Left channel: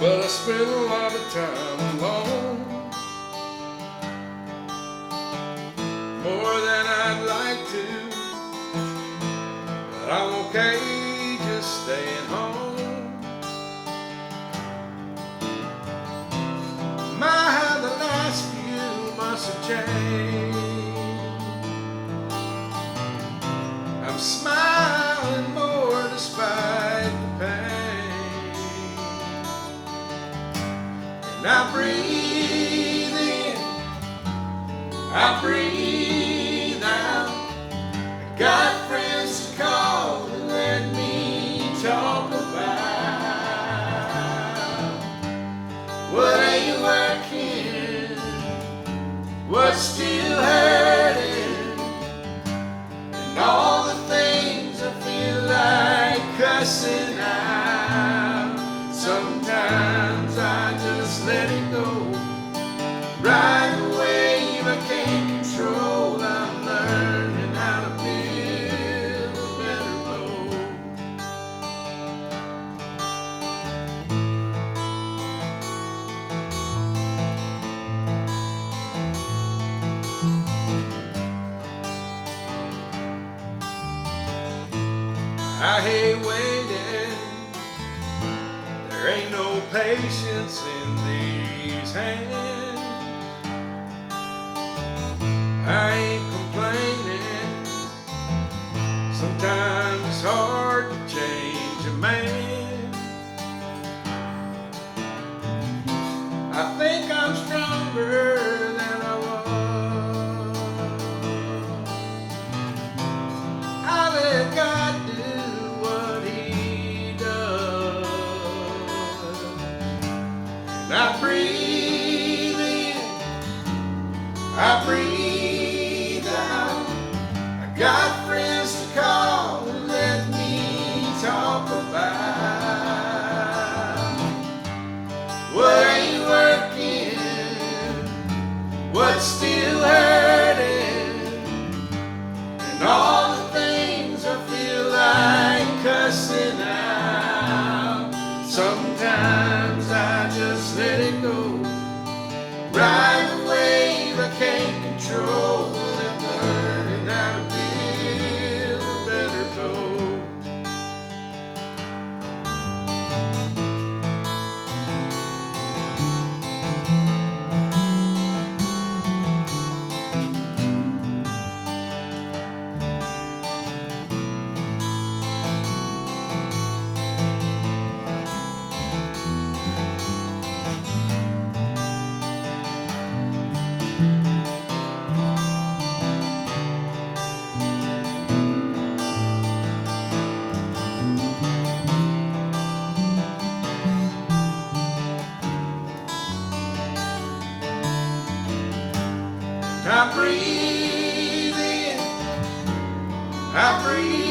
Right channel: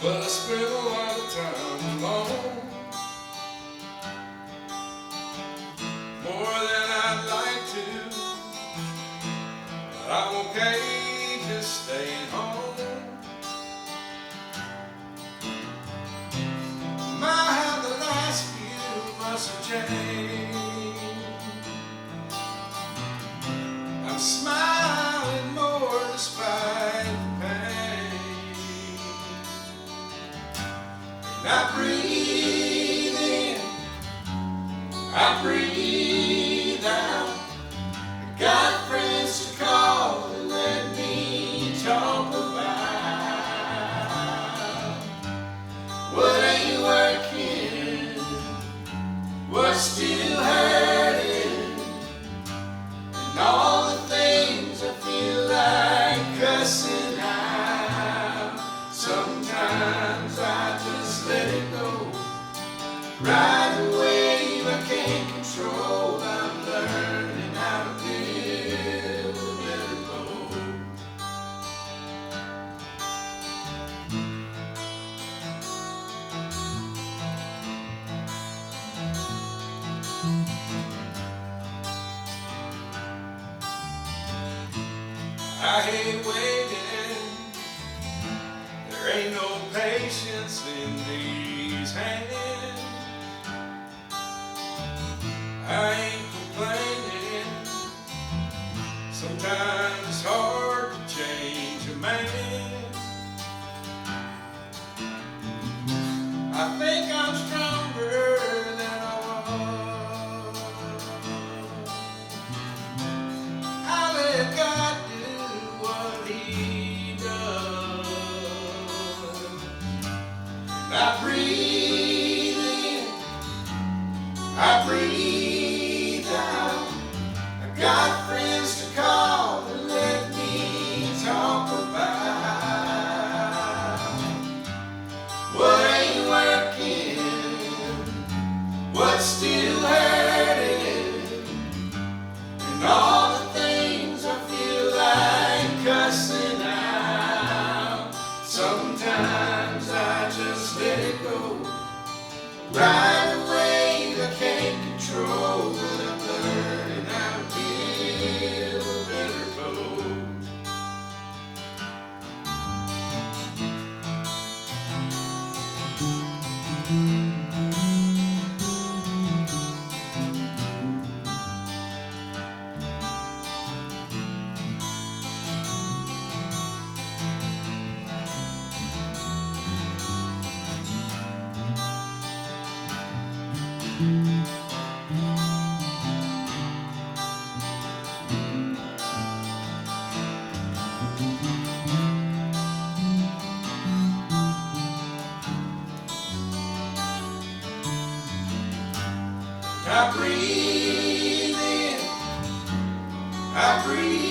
but I spend a lot of time alone, more than I'd like to, but I'm okay just staying home. My, how the last few months have changed. I'm smiling more despite the pain, and I breathe in, I breathe out. I got friends to call and let me talk about what ain't working, what's still hurting, and all the things I feel like cussing out. Sometimes I just let it go, ride the wave I can't control. I'm learning how to build a better boat. I hate waiting, there ain't no patience in these hands. I ain't complaining, sometimes it's hard to change a man. I think I'm stronger than I was. I let God do what He does, and I breathe in, I breathe out. I got friends to call and let me talk about what ain't working, what's still hurting, and all the things I feel like cussing out. Sometimes I just let it go, ride the wave I can't control, but I'm learning how to build a better boat. I breathe in, I breathe